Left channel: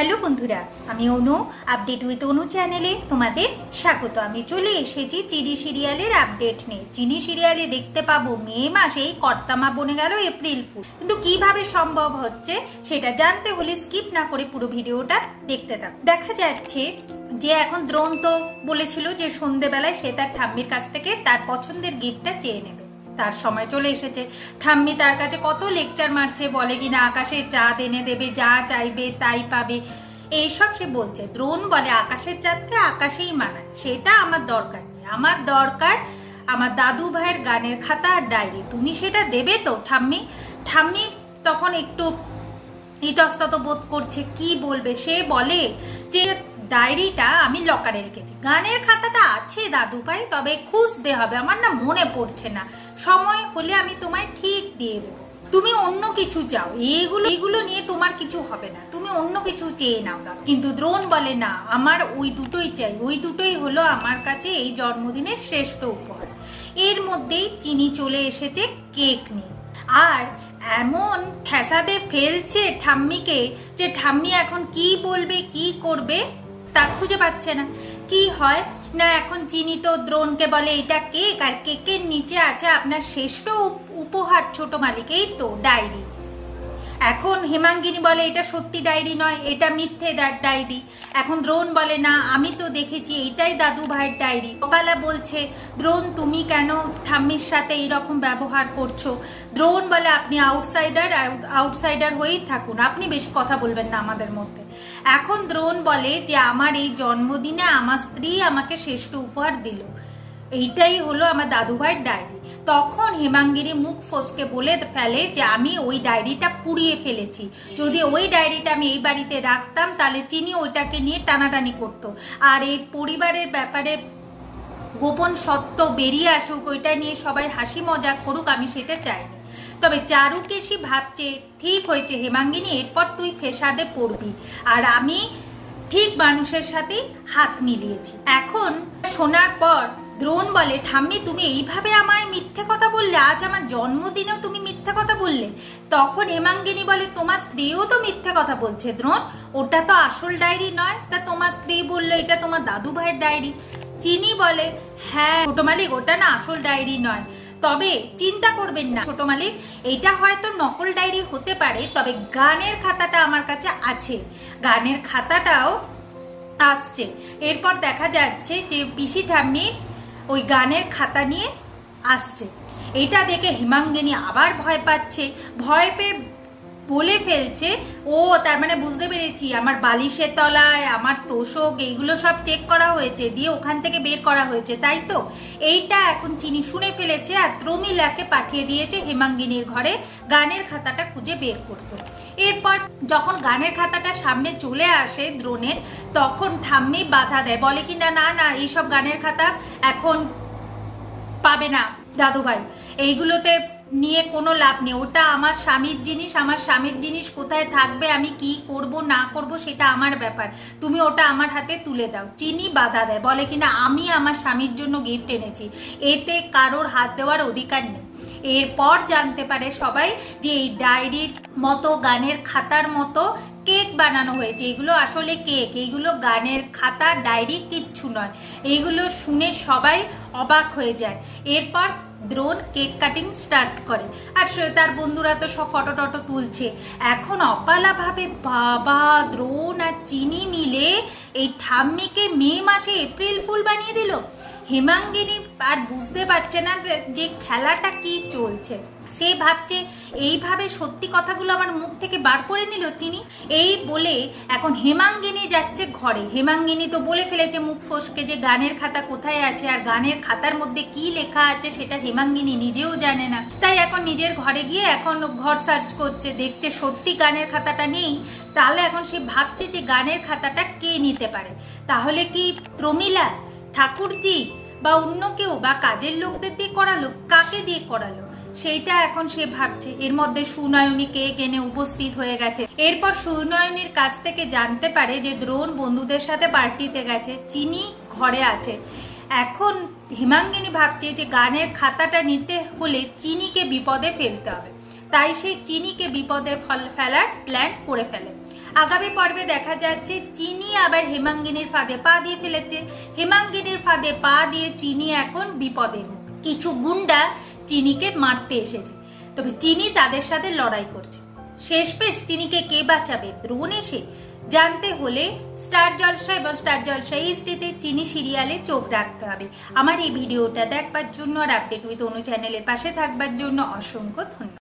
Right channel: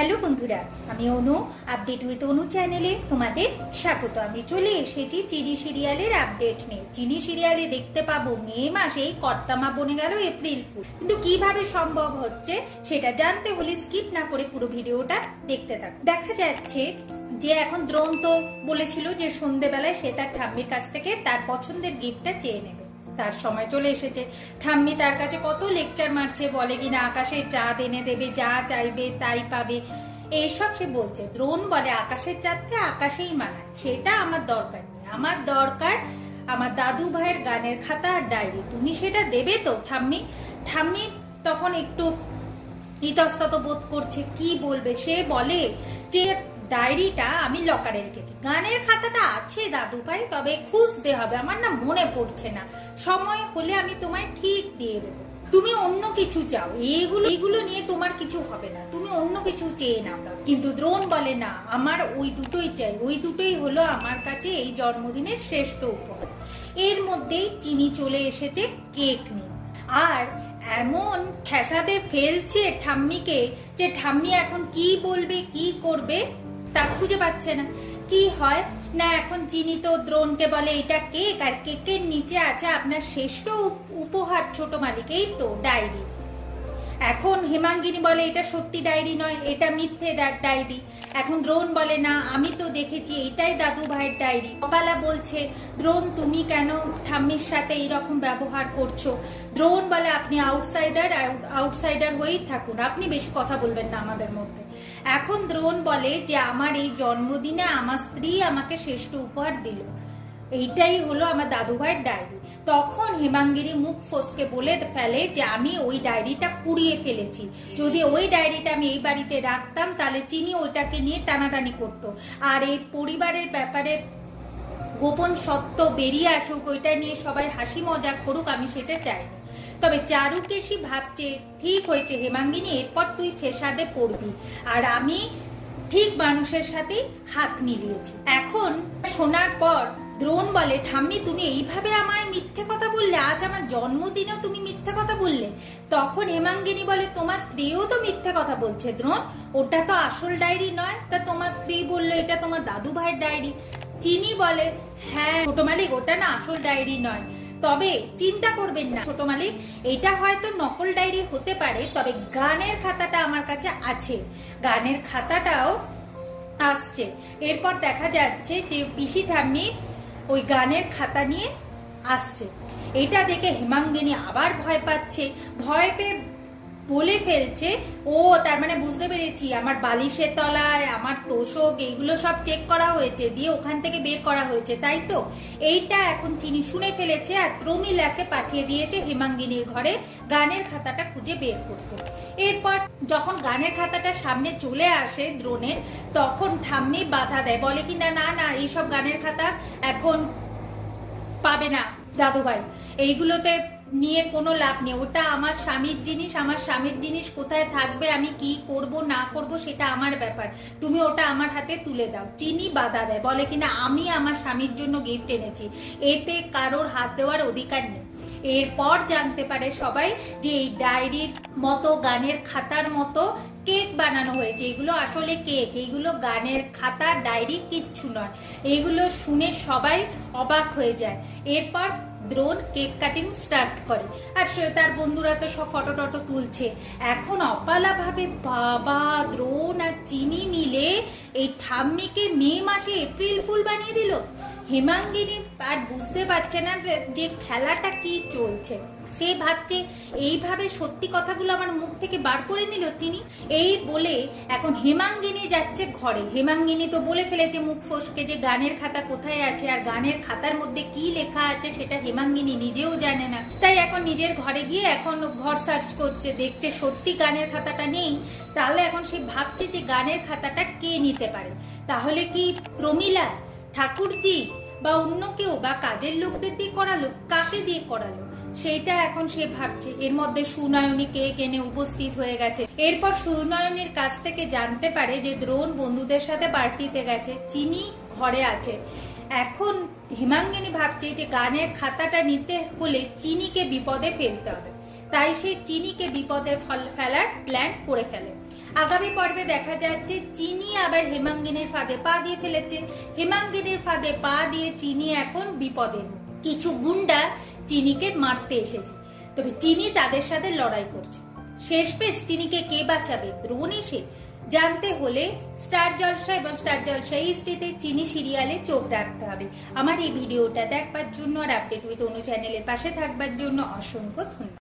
Hello বন্ধুরা, আমি অনু। Update with অনু চ্যানেলে তোমাদের স্বাগত। আমি চলে এসেছি চিনি সিরিয়ালের আপডেট নিয়ে। চিনি সিরিয়ালে দেখতে পাবো মে মাসেই কর্তামা বনে গেল এপ্রিল ফুল। কিন্তু কিভাবে সম্ভব হচ্ছে সেটা জানতে হলে স্কিপ না করে পুরো ভিডিওটা দেখতে থাকো। দেখা যাচ্ছে যে এখন দ্রোণ তো বলেছিল যে সন্ধ্যেবেলায় সে তার ঠাম্মির কাছ থেকে তার পছন্দের গিফটটা চেয়ে নেবে। তার সময় চলে এসেছে। ঠাম্মি তার কাছে কত লেকচার মারছে, বলে কিনা আকাশের চাঁদ এনে দেবে, যা চাইবে তাই পাবে, এইসব সে বলছে। দ্রোণ বলে আকাশের চাঁদকে আকাশেই মানায়, সেটা আমার দরকার নেই। আমার দরকার আমার দাদু ভাইয়ের গানের খাতা আর ডায়েরি। তুমি সেটা দেবে তো ঠাম্মি? ঠাম্মি তখন একটু ইতস্তত বোধ করছে, কি বলবে। সে বলে যে ডায়েরিটা আমি লকারে রেখেছি, গানের খাতাটা আছে দাদু ভাই, তবে খুঁজতে হবে, আমার না মনে পড়ছে না, সময় হলে আমি তোমায় ঠিক দিয়ে দেবো। তুমি অন্য কিছু চাও, এইগুলো নিয়ে তোমার কিছু হবে না, তুমি অন্য কিছু চেয়ে নাও। কিন্তু দ্রোণ বলে না, আমার ওই দুটোই চাই, ওই দুটোই হলো আমার কাছে এই জন্মদিনের শ্রেষ্ঠ উপহার। এর মধ্যেই চিনি চলে এসেছে কেক নিয়ে, আর এমন ঠেসাদে ফেলছে ঠাম্মিকে যে ঠাম্মি এখন কি বলবে কি করবে তা খুঁজে পাচ্ছে না। কি হয় না, এখন চিনি তো দ্রোণকে বলে এটা কেক, আর কেকের নিচে আছে আপনার শ্রেষ্ঠ উপহার ছোট মালিক, এই তো ডায়েরি। এখন হেমাঙ্গিনী বলে এটা সত্যি ডায়েরি নয়, এটা মিথ্যে ডায়েরি। এখন দ্রোণ বলে না, আমি তো দেখেছি এটাই দাদু ভাইয়ের ডায়েরি। কপালা বলছে দ্রোণ তুমি কেন ঠাম্মির সাথে এইরকম ব্যবহার করছো? দ্রোণ বলে আপনি আউটসাইডার হয়েই থাকুন, আপনি বেশি কথা বলবেন না আমাদের মধ্যে। এখন দ্রোণ বলে যে আমার এই জন্মদিনে আমার স্ত্রী আমাকে শ্রেষ্ঠ উপহার দিল, এইটাই হলো আমার দাদু ভাইয়ের ডায়েরি। তখন হেমাঙ্গিনী মুখ ফসকে বলে ফেলে যে আমি ওই ডায়েরিটা পুড়িয়ে ফেলেছি, যদি ওই ডায়েরিটা আমি এই বাড়িতে রাখতাম তাহলে চিনি ওইটাকে নিয়ে টানাটানি করতো, আর এই পরিবারের ব্যাপারে গোপন সত্য বেরিয়ে আসুক, ওইটা নিয়ে সবাই হাসি মজাক করুক, আমি সেটা চাই না। তবে চারুকেশি ভাবছে ঠিক হয়েছে হেমাঙ্গিনী, এরপর তুই ফেসাদে পড়বি, আর আমি ঠিক মানুষের সাথে হাত মিলিয়েছি। এখন শোনার পর দ্রোণ বলে ঠাম্মি তুমি এইভাবে আমায় মিথ্যে কথা বললে, আজ আমার জন্মদিনেও তুমি মিথ্যে কথা বললে। তখন হেমাঙ্গিনী বলে তোমার স্ত্রীও তো মিথ্যে কথা বলছে দ্রোণ, ওটা তো আসল ডায়েরি নয়। তা তোমার স্ত্রী বললো এটা তোমার দাদু ভাইয়ের ডায়েরি। চিনি বলে হ্যাঁ ছোট মালিক, ওটা না আসল ডায়েরি নয়, তবে চিন্তা করবেন না ছোট মালিক, এটা হয়তো নকল ডায়েরি হতে পারে, তবে গানের খাতাটা আমার কাছে আছে, গানের খাতাটাও আসছে। এরপর দেখা যাচ্ছে যে পিসি ঠাম্মি ওই গানের খাতা নিয়ে আসছে। এটা দেখে হেমাঙ্গিনী আবার ভয় পাচ্ছে, ভয় পেয়ে বলে ফেলছে ও তার মানে বুঝতে পেরেছি আমার বালিশের তলায় আমার তোষক এইগুলো সব চেক করা হয়েছে, দিয়ে ওখান থেকে বের করা হয়েছে, তাই তো? এইটা এখন চিনি শুনে ফেলেছে, আর প্রমিলাকে পাঠিয়ে দিয়েছে হেমাঙ্গিনীর ঘরে গানের খাতাটা খুঁজে বের করতে। এরপর যখন গানের খাতাটা সামনে চলে আসে দ্রোণের, তখন ঠাম্মি বাধা দেয়, বলে কি না না না এইসব গানের খাতা এখন পাবে না দাদু ভাই, এইগুলোতে নিয়ে কোনো লাভ নেই, ওটা আমার স্বামীর জিনিস, আমার স্বামীর জিনিস কোথায় থাকবে, আমি কি করব না করব সেটা আমার ব্যাপার, তুমি ওটা আমার হাতে তুলে দাও। চিনি বাধা দেয়, বলে কিনা আমি আমার স্বামীর জন্য গিফট এনেছি, এতে কারোর হাত দেওয়ার অধিকার নেই। এরপর জানতে পারে সবাই যে এই ডায়েরির মতো গানের খাতার মতো কেক বানানো হয়েছে, এগুলো আসলে কেক, এইগুলো গানের খাতা ডায়েরি কিচ্ছু নয়। এইগুলো শুনে সবাই অবাক হয়ে যায়। এরপর দ্রোণ কেক কাটিং স্টার্ট করে, আর তার বন্ধুরা তো সব ফটো টটো তুলছে। এখন অপালা ভাবে বাবা দ্রোণ আর চিনি মিলে এই ঠাম্মিকে মে মাসে এপ্রিল ফুল বানিয়ে দিল। হেমাঙ্গিনী আর বুঝতে পারছে না যে খেলাটা কি চলছে, সে ভাবছে এইভাবে সত্যি কথাগুলো আমার মুখ থেকে বার করে নিল চিনি। এই বলে এখন হেমাঙ্গিনী যাচ্ছে ঘরে। হেমাঙ্গিনী তো বলে ফেলেছে মুখ ফসকে যে গানের খাতা কোথায় আছে, আর গানের খাতার মধ্যে কি লেখা আছে সেটা হেমাঙ্গিনী নিজেও জানে না। তাই এখন নিজের ঘরে গিয়ে এখন ঘর সার্চ করছে, দেখছে সত্যি গানের খাতাটা নেই। তাহলে এখন সে ভাবছে যে গানের খাতাটা কে নিতে পারে, তাহলে কি প্রমিলা, ঠাকুরজি বা অন্য কেউ, বা কাজের লোকদের দিয়ে করালো, কাকে দিয়ে করালো সেইটা এখন সে ভাবছে। এর মধ্যে সুনয়নী কেক এনে উপস্থিত হয়ে গেছে। এরপর সুনয়নীর কাছ থেকে জানতে পারে যে দ্রোণ বন্ধুদের সাথে পার্টিতে গেছে, চিনি ঘরে আছে। এখন হেমাঙ্গিনী ভাবছে যে গানের খাতাটা নিতে হলে চিনিকে বিপদে ফেলতে হবে, তাই সে চিনিকে বিপদে ফেলার প্ল্যান করে ফেলে। আগামী পর্বে দেখা যাচ্ছে চিনি আবার হেমাঙ্গিনীর ফাঁদে পা দিয়ে ফেলেছে। হেমাঙ্গিনীর ফাঁদে পা দিয়ে চিনি এখন বিপদের মুখে। কিছু গুন্ডা চিনিকে মারতে এসেছে, তবে চিনি তাদের সাথে লড়াই করছে। শেষমেশ চিনিকে কে বাঁচাবে, দ্রোণ এসে? জানতে হলে স্টার জলসা এবং স্টার জলসা এইচডিতে চিনি সিরিয়ালে চোখ রাখতে হবে। আমার এই ভিডিওটা দেখবার জন্য আর আপডেট উইথ অনু চ্যানেলের পাশে থাকবার জন্য অসংখ্য ধন্যবাদ।